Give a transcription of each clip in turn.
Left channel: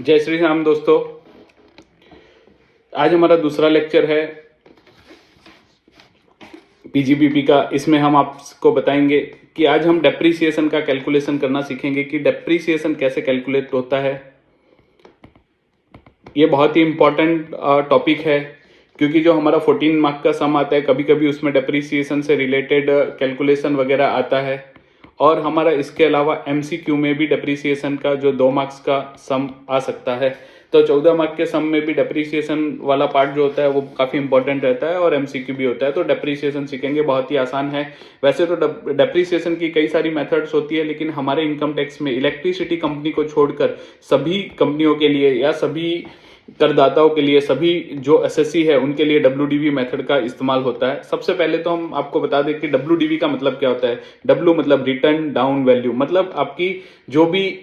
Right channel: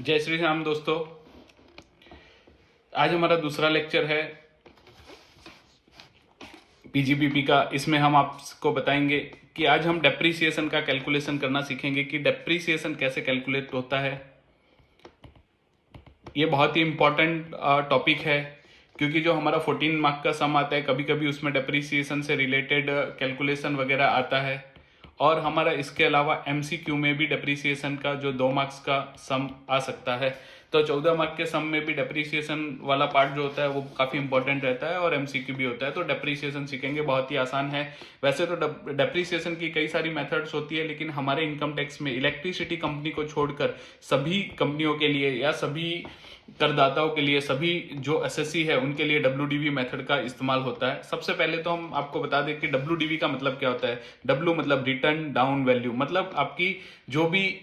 जय श्री राम दोस्तों। आज हमारा दूसरा लेक्चर है पीजीबीपी का। इसमें हम आपको बताएंगे कि आज हम डेप्रीसिएशन का कैलकुलेशन करना सीखेंगे कि डेप्रीसिएशन कैसे कैलकुलेट होता है। ये बहुत ही इंपॉर्टेंट टॉपिक है क्योंकि जो हमारा 14 मार्क का सम आता है कभी कभी उसमें डेप्रीसिएशन से रिलेटेड कैलकुलेशन वगैरह आता है, और हमारा इसके अलावा एमसीक्यू में भी डेप्रीसिएशन का जो 2 मार्क्स का सम आ सकता है। तो 14 मार्क के सम में भी डेप्रीसिएशन वाला पार्ट जो होता है वो काफी इंपॉर्टेंट रहता है और एमसीक्यू भी होता है। तो डेप्रीसिएशन सीखेंगे, बहुत ही आसान है। वैसे तो डेप्रीसिएशन की कई सारी मेथड्स होती है, लेकिन हमारे इनकम टैक्स में इलेक्ट्रिसिटी कंपनी को छोड़कर सभी कंपनियों के लिए या सभी करदाताओं के लिए, सभी जो एसएससी है उनके लिए डब्ल्यूडीवी मेथड का इस्तेमाल होता है। सबसे पहले तो हम आपको बता दें कि डब्ल्यूडीवी का मतलब क्या होता है। डब्ल्यू मतलब रिटर्न डाउन वैल्यू, मतलब आपकी जो भी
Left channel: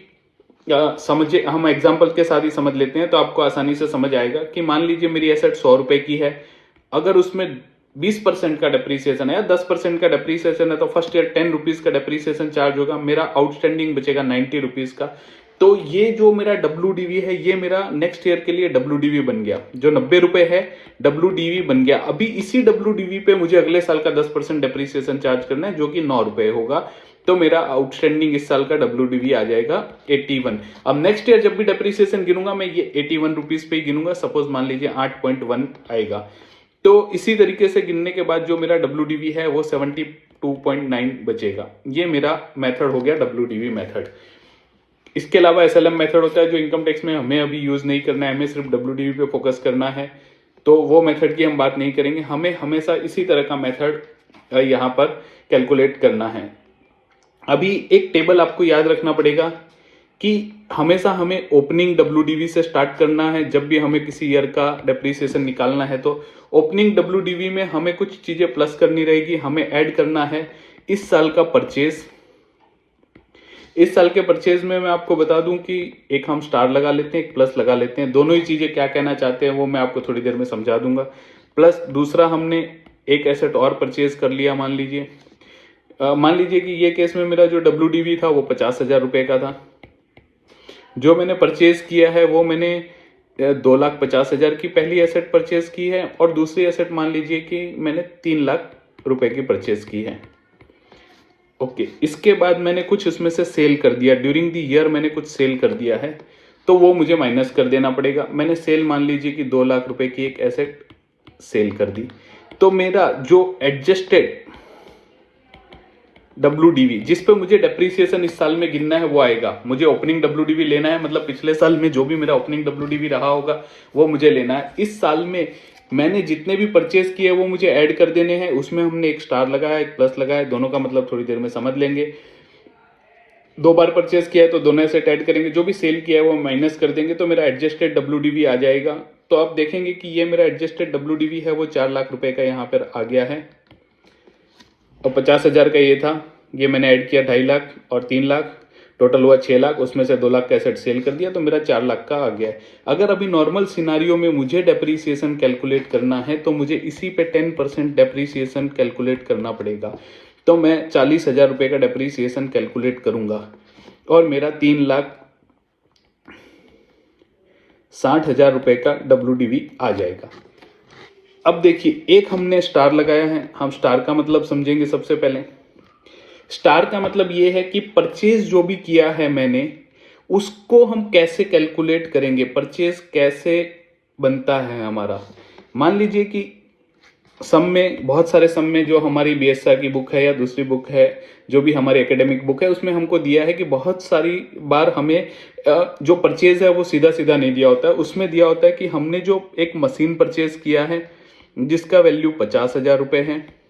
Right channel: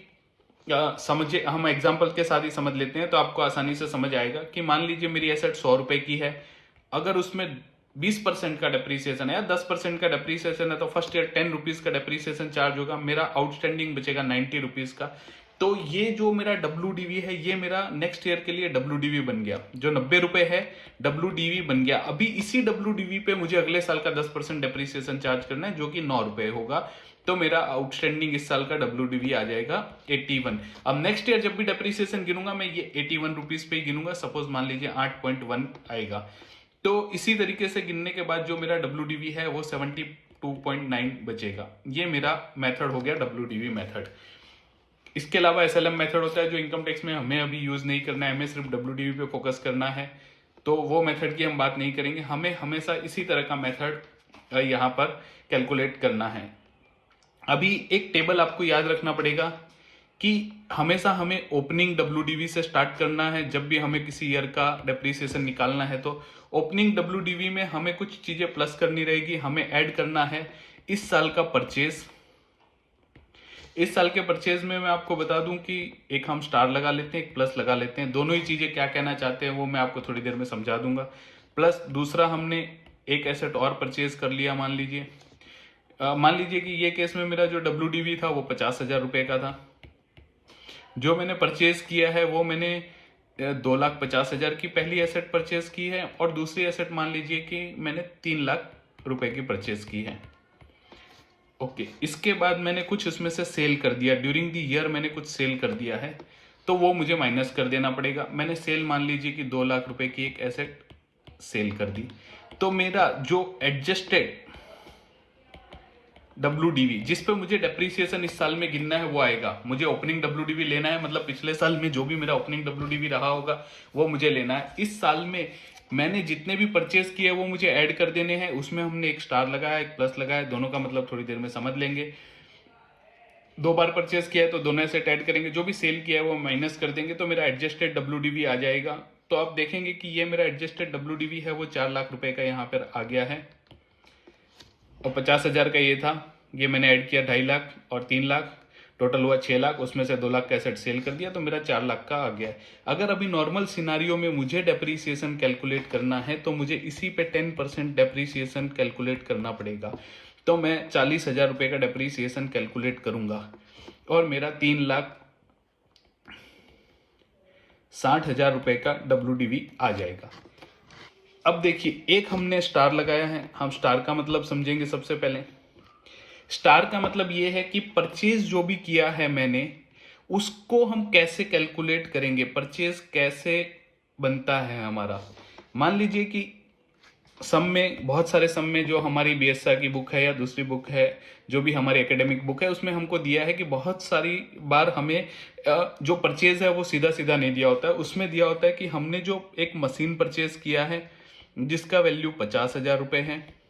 समझे, हम एग्जांपल के साथ ही समझ लेते हैं तो आपको आसानी से समझ आएगा कि मान लीजिए मेरी एसेट 100 रुपए की है, अगर उसमें 20% का डेप्रीसिएशन है या 10% का डेप्रीसिएशन है तो फर्स्ट ईयर 10 रुपीज का डेप्रीसिएशन चार्ज होगा, मेरा आउटस्टैंडिंग बचेगा 90 रुपीज का। तो ये जो मेरा डब्ल्यूडीवी है ये मेरा नेक्स्ट ईयर के लिए डब्ल्यूडीवी बन गया। जो 90 रुपए है डब्ल्यूडीवी बन गया। अभी इसी डब्ल्यूडीवी पे मुझे अगले साल का 10% डेप्रीसिएशन चार्ज करना है जो कि 9 रुपए होगा। तो मेरा आउटस्टैंडिंग इस साल का डब्ल्यूडीवी आ जाएगा 81। अब नेक्स्ट ईयर जब भी डेप्रीसिएशन गिनूंगा मैं ये 81 रुपीज पे ही गिनूंगा। सपोज मान लीजिए 8.1 आएगा। तो इसी तरीके से गिनने के बाद जो मेरा डब्ल्यूडीवी है वो 72.9 बचेगा। ये मेरा मेथड हो गया डब्ल्यूडीवी मेथड। इसके अलावा एसएलएम मेथड होता है जो इनकम टैक्स में हमें अभी यूज नहीं करना है, हमें सिर्फ डब्ल्यूडीवी पे फोकस करना है, तो वो मेथड की हम बात नहीं करेंगे। हमें हमेशा इसी तरह का मेथड यहाँ पर कैलकुलेट करना है। अभी एक टेबल आपको याद रखना पड़ेगा कि हमेशा हमें ओपनिंग डब्ल्यूडीवी से स्टार्ट करना है। जब भी हमें किसी ईयर का डेप्रीसिएशन निकालना है तो ओपनिंग डब्ल्यूडीवी में हमें कुछ चीजें प्लस करनी रहेगी। हमें ऐड करना है इस साल का परचेज। इस साल के परचेज में मैं आपको बता दूं कि एक हम स्टार लगा लेते हैं, एक प्लस लगा लेते हैं। दोनों ही चीजें क्या कहना चाहते हैं वो मैं आपको थोड़ी देर में समझा दूंगा। प्लस दूसरा हमने एक एसेट और परचेज कर लिया। मान लीजिए कि ये केस में मेरा जो डब्ल्यूडीवी था वो 50,000 रुपए का था। जो मैंने परचेज किया है वो मैंने 2,50,000 की पहली एसेट परचेज की है और दूसरी एसेट मान लीजिए कि मैंने 3 लाख रुपए की परचेज की है। ओके, इसके बाद मैंने कुछ उसमें से सेल कर दिया। ड्यूरिंग द ईयर मैंने कुछ सेल कर दिया है तो वो मुझे माइनस कर देना पड़ेगा। मैंने सेल मान लीजिए कि 2 लाख रुपए की एक एसेट सेल कर दी। तो मेरा जो एडजस्टेड डब्ल्यूडीवी जिस पे मुझे डेप्रीसिएशन इस साल में गिनना है वो आएगा। मुझे ओपनिंग डब्ल्यूडीवी लेना है, मतलब पिछले साल में जो भी मेरा ओपनिंग डब्ल्यूडीवी रहा होगा वो मुझे लेना है। इस साल में मैंने जितने भी परचेज किए वो मुझे ऐड कर देने हैं। उसमें हमने एक स्टार लगाया, एक प्लस लगाया, दोनों का मतलब थोड़ी देर में समझ लेंगे। 2 बार परचेज किया है तो दोनों सेट ऐड करेंगे, जो भी सेल किया है वो माइनस कर देंगे तो मेरा एडजस्टेड डब्ल्यूडीवी आ जाएगा। तो आप देखेंगे कि ये मेरा एडजस्टेड डब्ल्यूडीवी है वो 4 लाख रुपए का यहाँ पर आ गया है और 50,000 का ये था। ये मैंने ऐड किया 2.5 लाख और 3 लाख, टोटल हुआ 6 लाख। उसमें से 2 लाख का एसेट सेल कर दिया तो मेरा 4 लाख का आ गया है। अगर अभी नॉर्मल सिनारियो में मुझे डेप्रीसिएशन कैलकुलेट करना है तो मुझे इसी पे 10% डेप्रीसिएशन कैलकुलेट करना पड़ेगा। तो मैं 40,000 रुपए का डेप्रीसिएशन कैलकुलेट करूंगा और मेरा 3,60,000 रुपए का डब्ल्यूडीवी आ जाएगा। अब देखिए, एक हमने स्टार लगाया है। हम स्टार का मतलब समझेंगे। सबसे पहले स्टार का मतलब यह है कि परचेज जो भी किया है मैंने उसको हम कैसे कैलकुलेट करेंगे, परचेज कैसे बनता है हमारा। मान लीजिए कि सम में, बहुत सारे सम में जो हमारी बीएसआर की बुक है या दूसरी बुक है, जो भी हमारी एकेडमिक बुक है, उसमें हमको दिया है कि बहुत सारी बार हमें जो परचेज है वो सीधा सीधा नहीं दिया होता है। उसमें दिया होता है कि हमने जो एक मशीन परचेज किया है जिसका वैल्यू 50,000 रुपए है,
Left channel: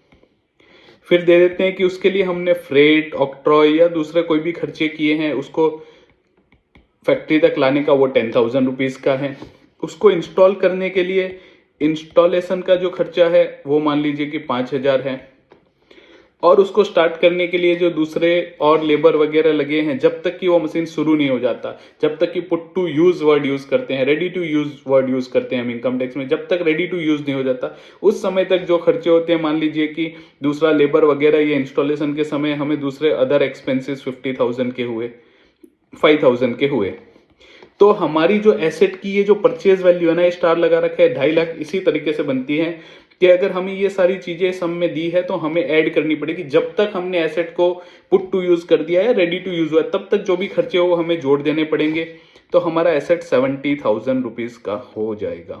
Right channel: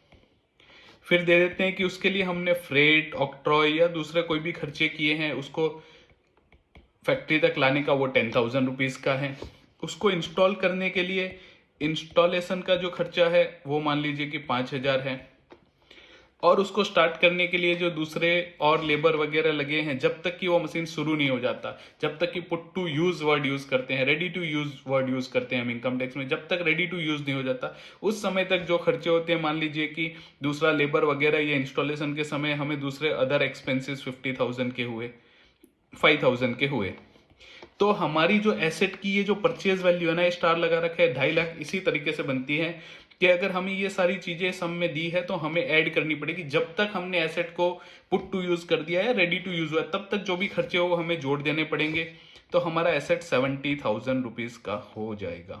फिर दे देते हैं कि उसके लिए हमने फ्रेट, ऑक्ट्रॉय या दूसरे कोई भी खर्चे किए हैं, उसको फैक्ट्री तक लाने का वो 10,000 रुपीज का है। उसको इंस्टॉल करने के लिए इंस्टॉलेशन का जो खर्चा है वो मान लीजिए कि 5,000 है, और उसको स्टार्ट करने के लिए जो दूसरे और लेबर वगैरह लगे हैं, जब तक कि वो मशीन शुरू नहीं हो जाता, जब तक कि put to use word use करते हैं, ready to use word use करते हैं हम इनकम टैक्स में, जब तक रेडी टू यूज नहीं हो जाता उस समय तक जो खर्चे होते हैं, मान लीजिए कि दूसरा लेबर वगैरह, ये इंस्टॉलेशन के समय हमें दूसरे अदर एक्सपेंसेस 50,000 के हुए, 5,000 के हुए, तो हमारी जो एसेट की ये जो परचेज वैल्यू है ना, स्टार लगा रखा है 2.5 लाख, इसी तरीके से बनती है कि अगर हमें ये सारी चीजें सम में दी है तो हमें ऐड करनी पड़ेगी। जब तक हमने एसेट को पुट टू यूज कर दिया है, रेडी टू यूज हुआ है, तब तक जो भी खर्चे हो वो हमें जोड़ देने पड़ेंगे। तो हमारा एसेट 70,000 रुपीज का हो जाएगा।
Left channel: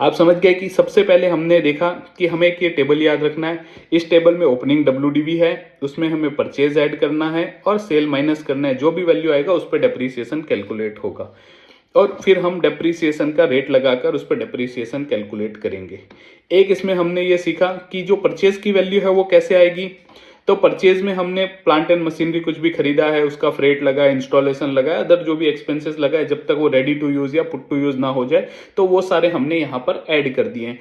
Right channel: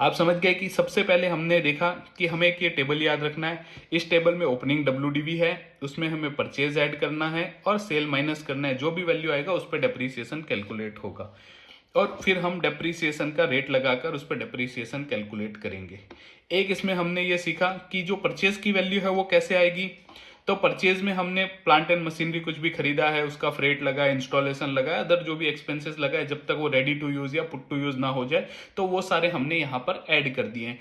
आप समझ गए कि सबसे पहले हमने देखा कि हमें एक ये टेबल याद रखना है। इस टेबल में ओपनिंग WDV है, उसमें हमें परचेज ऐड करना है और सेल माइनस करना है। जो भी वैल्यू आएगा उस पर डेप्रीसिएशन कैलकुलेट होगा और फिर हम डेप्रीसिएशन का रेट लगाकर उस पर डेप्रीसिएशन कैलकुलेट करेंगे। एक इसमें हमने ये सीखा कि जो परचेज की वैल्यू है वो कैसे आएगी। तो परचेज में हमने प्लांट एंड मशीनरी कुछ भी खरीदा है, उसका फ्रेट लगा है, इंस्टॉलेशन लगा है, अदर जो भी एक्सपेंसेस लगा है, जब तक वो रेडी टू यूज या पुट टू यूज ना हो जाए तो वो सारे हमने यहाँ पर ऐड कर दिए हैं।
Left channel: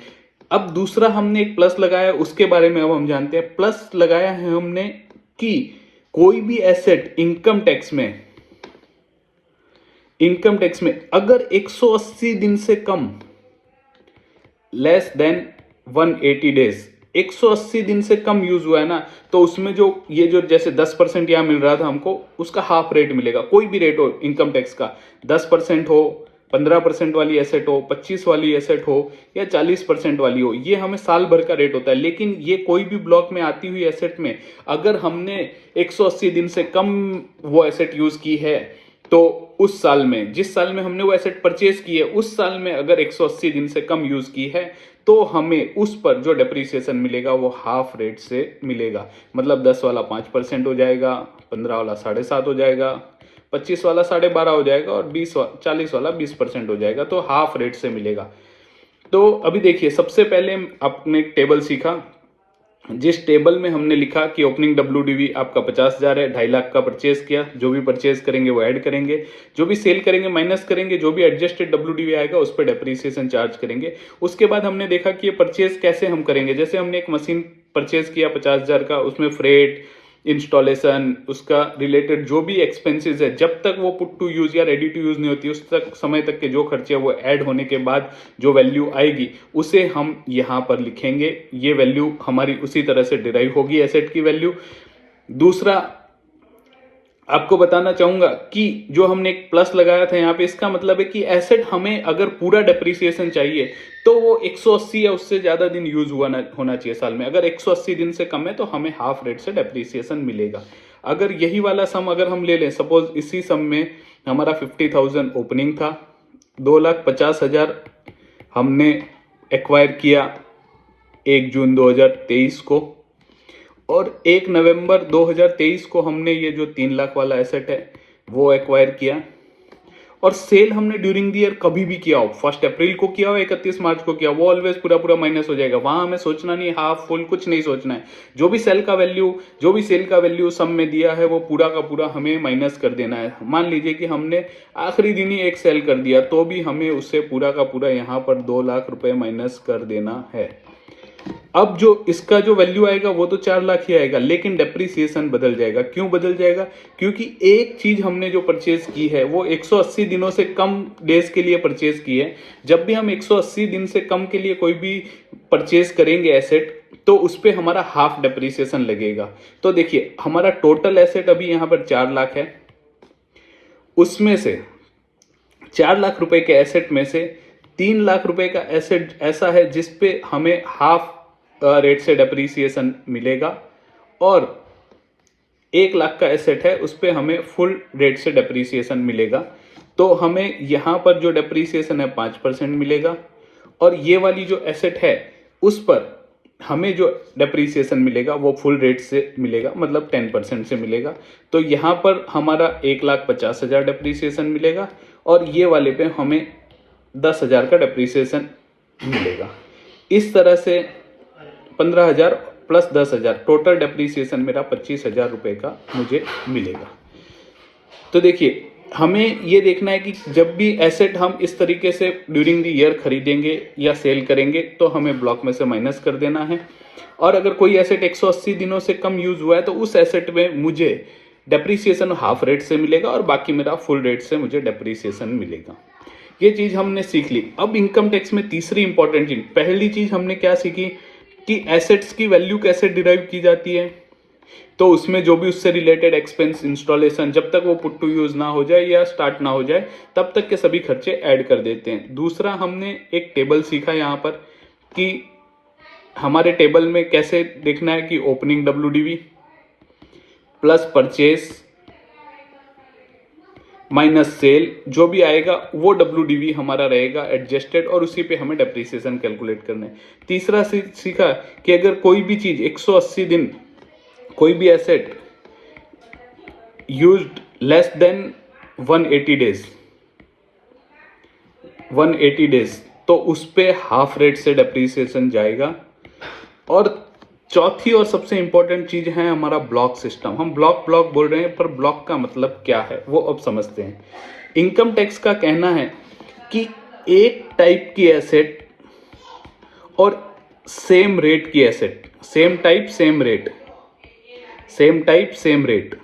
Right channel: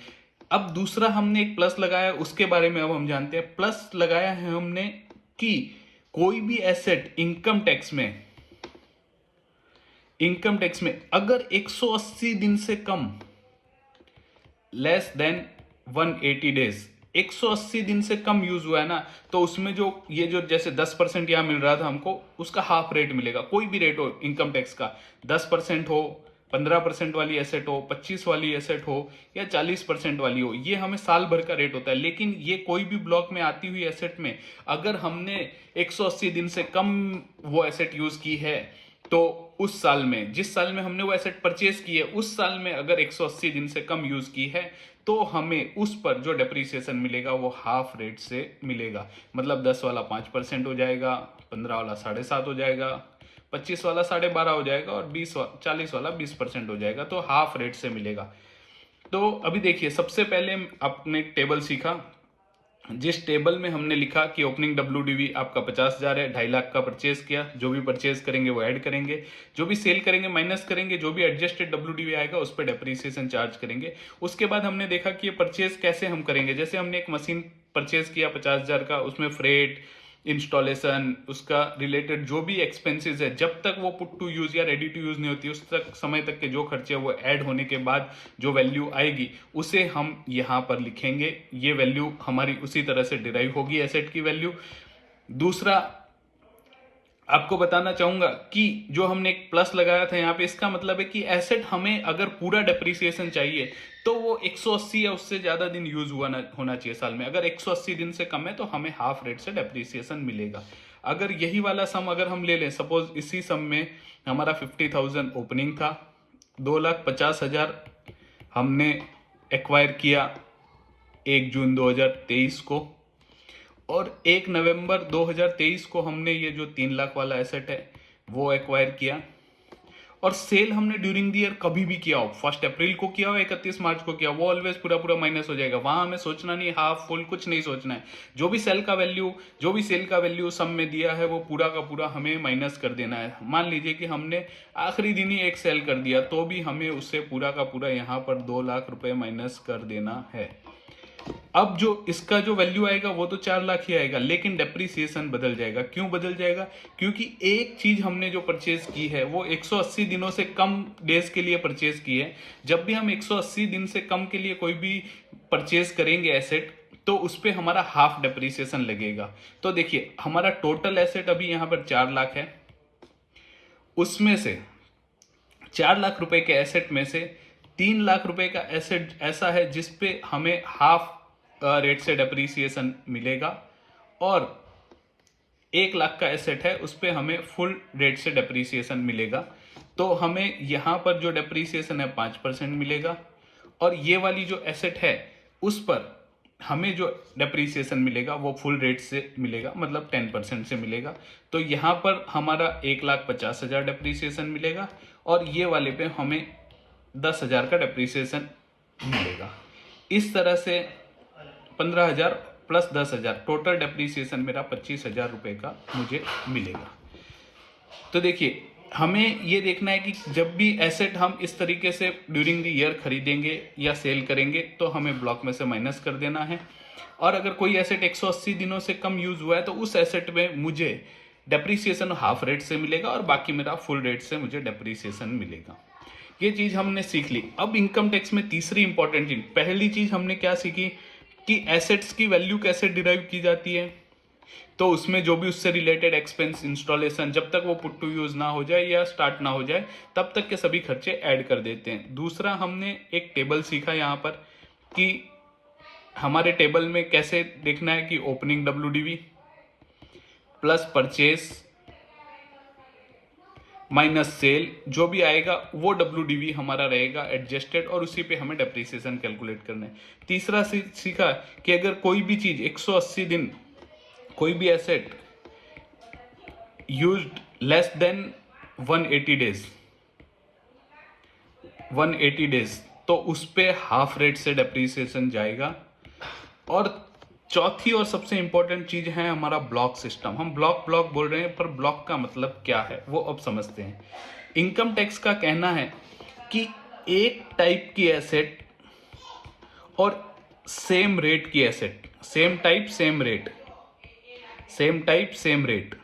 अब दूसरा हमने एक प्लस लगाया, उसके बारे में अब हम जानते हैं। प्लस लगाया है हमने कि कोई भी एसेट इनकम टैक्स में अगर 180 दिन से कम, लेस देन 180 डेज, 180 दिन से कम यूज हुआ है ना, तो उसमें जो ये जो जैसे 10% यहां मिल रहा था हमको, उसका हाफ रेट मिलेगा। कोई भी रेट हो इनकम टैक्स का, 10% हो, 15% वाली एसेट हो, 25 वाली एसेट हो या 40% वाली हो, ये हमें साल भर का रेट होता है। लेकिन ये कोई भी ब्लॉक में आती हुई एसेट में अगर हमने 180 दिन से कम वो एसेट यूज की है, तो उस साल में, जिस साल में हमने वो एसेट परचेज की है, उस साल में अगर 180 दिन से कम यूज की है, तो हमें उस पर जो डेप्रीसिएशन मिलेगा वो हाफ रेट से मिलेगा। मतलब 10 वाला 5% हो जाएगा, 15 वाला 7.5 हो जाएगा, 25 वाला 12.5 हो जाएगा और 40 वाला 20% हो जाएगा। तो हाफ रेट से मिलेगा। तो अभी देखिए, सबसे पहले आपने एक टेबल सीखा, जिस टेबल में हमने लिखा कि ओपनिंग WDV आपका 50,000 है, 2.5 लाख का परचेज किया, जो भी परचेज करेंगे वो ऐड करेंगे, जो भी सेल करेंगे माइनस करेंगे, जो भी एडजस्टेड WDV आएगा उस पर डेप्रीसिएशन चार्ज करेंगे। उसके बाद हमने देखा कि ये परचेज कैसे हम करेंगे। जैसे हमने एक मशीन परचेज किया 50,000 का, उसमें फ्रेट, इंस्टॉलेशन, उसका रिलेटेड जो भी एक्सपेंसेस है, जब तक वो पुट टू यूज या रेडी टू यूज नहीं होती, उस तक समय तक के जो खर्चे है वो ऐड होने के बाद जो वैल्यू आएगी उसे हम यहां पर लिखेंगे। ये वैल्यू हमारी उसी तरह से डिराइव होगी, एसेट की वैल्यू। दूसरा आपको बताना चाहूंगा कि जो हमने एक प्लस लगाया था यहाँ पे, इसका मतलब है कि एसेट हमें अगर पूरा डेप्रीसिएशन चाहिए तो वो 180 या उससे ज्यादा दिन यूज होना चाहिए साल में। अगर 180 दिन से कम है तो हमें हाफ रेट से डेप्रीसिएशन मिलेगा। अगर यही वाला सम अगर हम ले लें, सपोज इसी सम में हमारा 50,000 ओपनिंग था, 2,50,000 हमने एक्वायर किया 1 जून 2023 को, और 1 नवंबर 2023 को हमने ये जो 3 लाख वाला एसेट है वो एक्वायर किया। और सेल हमने ड्यूरिंग द ईयर कभी भी किया हो, 1 अप्रैल को किया हो, 31 मार्च को किया, वो ऑलवेज पूरा पूरा माइनस हो जाएगा। वहां हमें सोचना नहीं, हाफ फुल कुछ नहीं सोचना है। जो भी सेल का वैल्यू सम में दिया है वो पूरा का पूरा हमें माइनस कर देना है। मान लीजिए कि हमने आखिरी दिन ही एक सेल कर दिया, तो भी हमें उससे पूरा का पूरा यहाँ पर 2 लाख रुपए माइनस कर देना है। अब जो इसका जो वैल्यू आएगा वो तो 4 लाख ही आएगा, लेकिन डेप्रीसिएशन बदल जाएगा। क्यों बदल जाएगा? क्योंकि एक चीज हमने जो परचेज की है वो 180 दिनों से कम डेज के लिए परचेज की है। जब भी हम 180 दिन से कम के लिए कोई भी परचेज करेंगे एसेट, तो उस पर हमारा हाफ डेप्रीसिएशन लगेगा। तो देखिए, हमारा टोटल एसेट अभी यहां पर 4 लाख है, उसमें से 4 लाख रुपए के एसेट में से 3 लाख रुपए का एसेट ऐसा है जिसपे हमें हाफ रेट से डेप्रीसिएशन मिलेगा, और 1 लाख का एसेट है उस पे हमें फुल रेट से डेप्रीसिएशन मिलेगा। तो हमें यहां पर जो डेप्रीसिएशन है 5% मिलेगा, और ये वाली जो एसेट है उस पर हमें जो डेप्रीसिएशन मिलेगा वो फुल रेट से मिलेगा, मतलब 10% से मिलेगा। तो यहां पर हमारा 1,50,000 डेप्रीसिएशन मिलेगा, और ये वाले पे हमें 10,000 का डेप्रीसिएशन मिलेगा। इस तरह से 15,000 प्लस 10,000, टोटल डेप्रीसिएशन मेरा 25,000 रुपए का मुझे मिलेगा। तो देखिए, हमें ये देखना है कि जब भी एसेट हम इस तरीके से ड्यूरिंग द ईयर खरीदेंगे या सेल करेंगे तो हमें ब्लॉक में से माइनस कर देना है। और अगर कोई एसेट 180 दिनों से कम यूज हुआ है तो उस एसेट में मुझे डेप्रीसिएशन हाफ रेट से मिलेगा, और बाकी मेरा फुल रेट से मुझे डेप्रीसिएशन मिलेगा। ये चीज हमने सीख ली। अब इनकम टैक्स में तीसरी इंपॉर्टेंट चीज, पहली चीज हमने क्या सीखी कि एसेट्स की वैल्यू कैसे डिराइव की जाती है, तो उसमें जो भी उससे रिलेटेड एक्सपेंस, इंस्टॉलेशन, जब तक वो पुट टू यूज ना हो जाए या स्टार्ट ना हो जाए तब तक के सभी खर्चे ऐड कर देते हैं। दूसरा, हमने एक टेबल सीखा यहाँ पर कि हमारे टेबल में कैसे देखना है कि opening WDV plus purchase minus cell, जो भी आएगा वो WDV हमारा रहेगा एडजस्टेड, और उसी पे हमें डेप्रीसिएशन कैलकुलेट करना है। तीसरा सीखा कि अगर कोई भी चीज 180 दिन, कोई भी asset used less than 180 days, तो उस पे हाफ रेट से डेप्रीसिएशन जाएगा। और चौथी और सबसे इंपॉर्टेंट चीज है हमारा ब्लॉक सिस्टम। हम ब्लॉक बोल रहे हैं, पर ब्लॉक का मतलब क्या है वो अब समझते हैं। इनकम टैक्स का कहना है कि एक टाइप की एसेट और सेम रेट की asset, same type same rate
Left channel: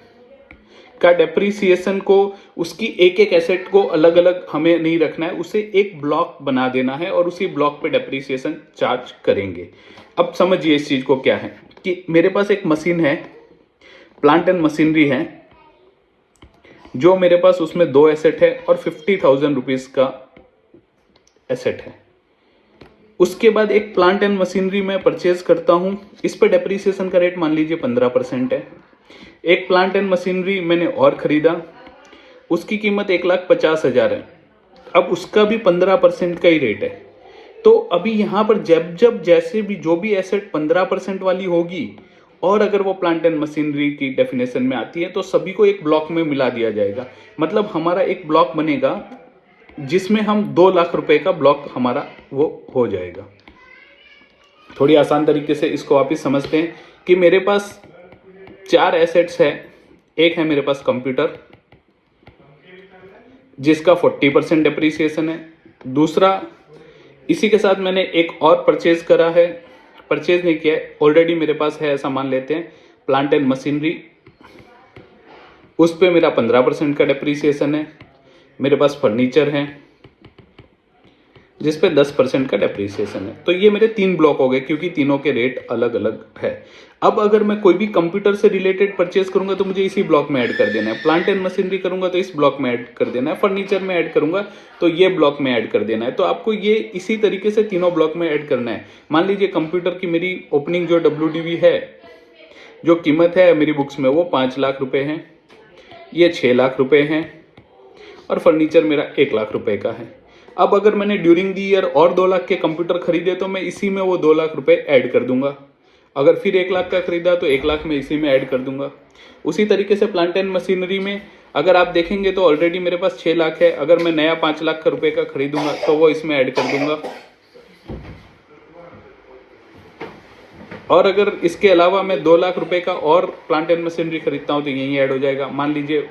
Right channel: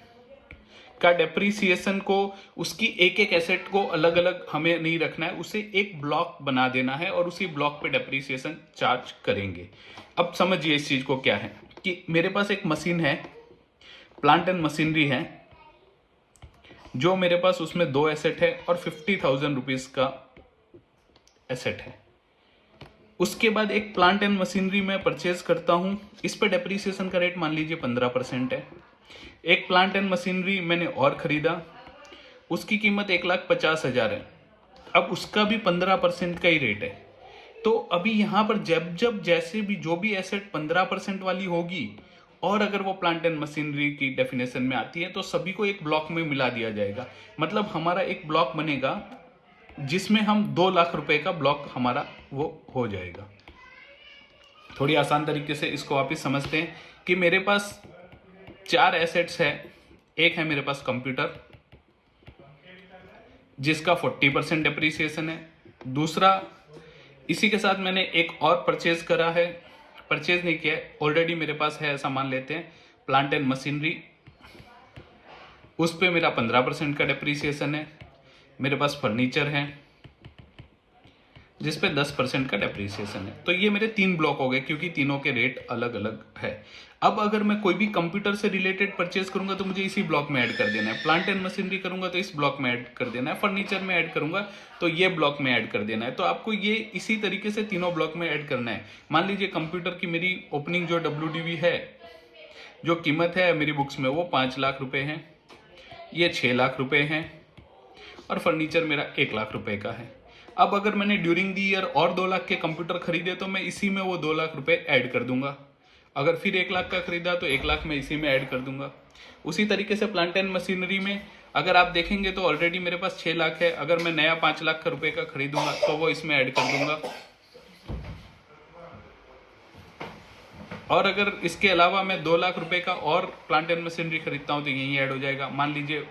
का डेप्रीसिएशन को, उसकी एक एक एसेट को अलग अलग हमें नहीं रखना है, उसे एक ब्लॉक बना देना है और उसी ब्लॉक पे डेप्रीसिएशन चार्ज करेंगे। अब समझिए इस चीज को क्या है कि मेरे पास एक मशीन है, प्लांट एंड मशीनरी है, जो मेरे पास उसमें 2 एसेट है और 50,000 रुपीज का एसेट है। उसके बाद एक प्लांट एंड मशीनरी मैं परचेज करता हूं, इस पे डेप्रीसिएशन का रेट मान लीजिए 15% है। एक प्लांट एंड मशीनरी मैंने और खरीदा, उसकी कीमत 1,50,000 है, अब उसका भी 15% का ही रेट है। तो अभी यहां पर जब जैसे भी जो भी एसेट 15% वाली होगी और अगर वो प्लांट एंड मशीनरी की डेफिनेशन में आती है तो सभी को एक ब्लॉक में मिला दिया जाएगा। मतलब हमारा एक ब्लॉक बनेगा जिसमें हम 2 लाख रुपए का ब्लॉक हमारा वो हो जाएगा। थोड़ी आसान तरीके से इसको वापिस समझते हैं कि मेरे पास 4 एसेट्स है। एक है मेरे पास कंप्यूटर जिसका 40% डेप्रीसिएशन है। दूसरा, इसी के साथ मैंने एक और परचेज करा है, परचेज नहीं किया है, ऑलरेडी मेरे पास है ऐसा मान लेते हैं, प्लांट एंड मशीनरी, उस पे मेरा 15% का डेप्रीसिएशन है। मेरे पास फर्नीचर है जिस पे 10% का डेप्रीसिएशन है। तो ये मेरे 3 ब्लॉक हो गए क्योंकि तीनों के रेट अलग अलग है। अब अगर मैं कोई भी कंप्यूटर से रिलेटेड परचेज करूंगा तो मुझे इसी ब्लॉक में ऐड कर देना है, प्लांट एंड मशीनरी करूंगा तो इस ब्लॉक में ऐड कर देना है, फर्नीचर में ऐड करूंगा तो ये ब्लॉक में ऐड कर देना है। तो आपको ये इसी तरीके से तीनों ब्लॉक में ऐड करना है। मान लीजिए कंप्यूटर की मेरी ओपनिंग जो WDV है, जो कीमत है मेरी बुक्स में, वो 5 लाख रुपए है, ये 6 लाख रुपए है और फर्नीचर मेरा 1 लाख रुपए का है। अब अगर मैंने ड्यूरिंग दी ईयर और 2 लाख के कंप्यूटर खरीदे तो मैं इसी में वो 2 लाख रुपए ऐड कर दूंगा। अगर फिर 1 लाख का खरीदा तो 1 लाख में इसी में ऐड कर दूंगा। उसी तरीके से प्लांट एंड मशीनरी में अगर आप देखेंगे तो ऑलरेडी मेरे पास 6 लाख है, अगर मैं नया 5 लाख का रुपए का खरीदूंगा तो वो इसमें ऐड कर दूंगा। और अगर इसके अलावा मैं 2 लाख रुपए का और प्लांट एंड मशीनरी खरीदता हूं तो यही ऐड हो जाएगा। मान लीजिए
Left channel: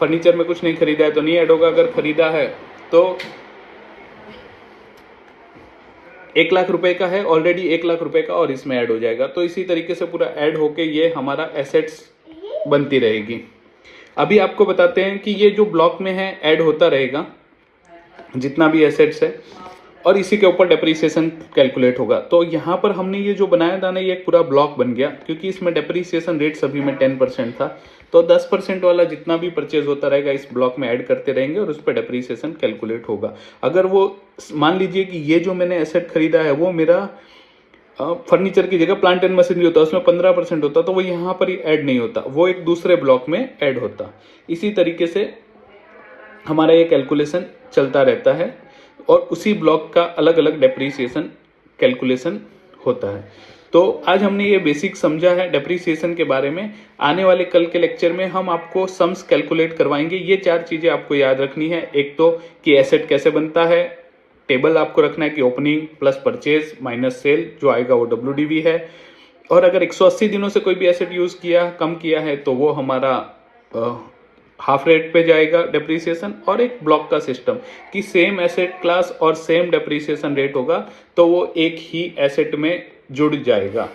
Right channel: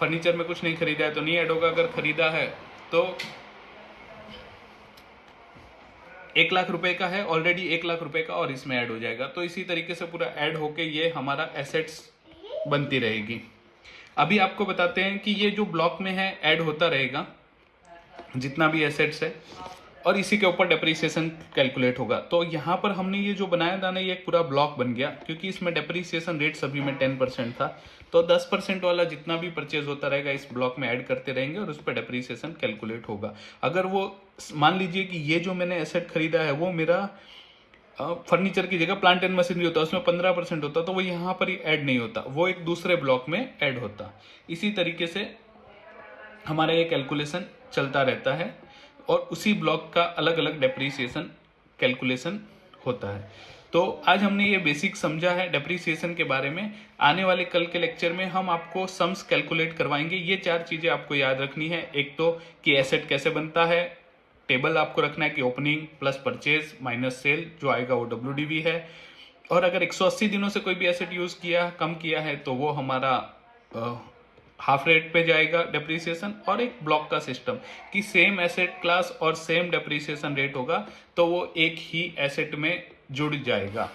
फर्नीचर में कुछ नहीं खरीदा है तो नहीं ऐड होगा, अगर खरीदा है तो 1 लाख रुपए का है ऑलरेडी, 1 लाख रुपए का और इसमें ऐड हो जाएगा। तो इसी तरीके से पूरा ऐड होके ये हमारा एसेट्स बनती रहेगी। अभी आपको बताते हैं कि ये जो ब्लॉक में है ऐड होता रहेगा जितना भी एसेट्स है और इसी के ऊपर डेप्रीसिएशन कैलकुलेट होगा। तो यहाँ पर हमने ये जो बनाया था ना, ये एक पूरा ब्लॉक बन गया क्योंकि इसमें डेप्रीसिएशन रेट सभी में 10% था। तो 10% वाला जितना भी परचेज होता रहेगा इस ब्लॉक में ऐड करते रहेंगे और उस पर डेप्रीसिएशन कैलकुलेट होगा। अगर वो मान लीजिए कि ये जो मैंने एसेट खरीदा है वो मेरा फर्नीचर की जगह प्लांट एंड मशीनरी होता, उसमें 15% होता, तो वो यहाँ पर ही ऐड नहीं होता, वो एक दूसरे ब्लॉक में ऐड होता। इसी तरीके से हमारा ये कैलकुलेशन चलता रहता है और उसी ब्लॉक का अलग अलग डेप्रीसिएशन कैलकुलेशन होता है। तो आज हमने ये बेसिक समझा है डेप्रीसिएशन के बारे में। आने वाले कल के लेक्चर में हम आपको सम्स कैलकुलेट करवाएंगे। ये 4 चीजें आपको याद रखनी है। एक तो कि एसेट कैसे बनता है, टेबल आपको रखना है कि opening plus purchase minus cell, जो आएगा वो WDV है। और अगर 180 दिनों से कोई भी एसेट यूज किया, कम किया है तो वो हमारा हाफ रेट पे जाएगा डेप्रीसिएशन। और एक ब्लॉक का सिस्टम कि सेम एसेट क्लास और सेम डेप्रीसिएशन रेट होगा तो वो एक ही एसेट में जुड़ जाएगा।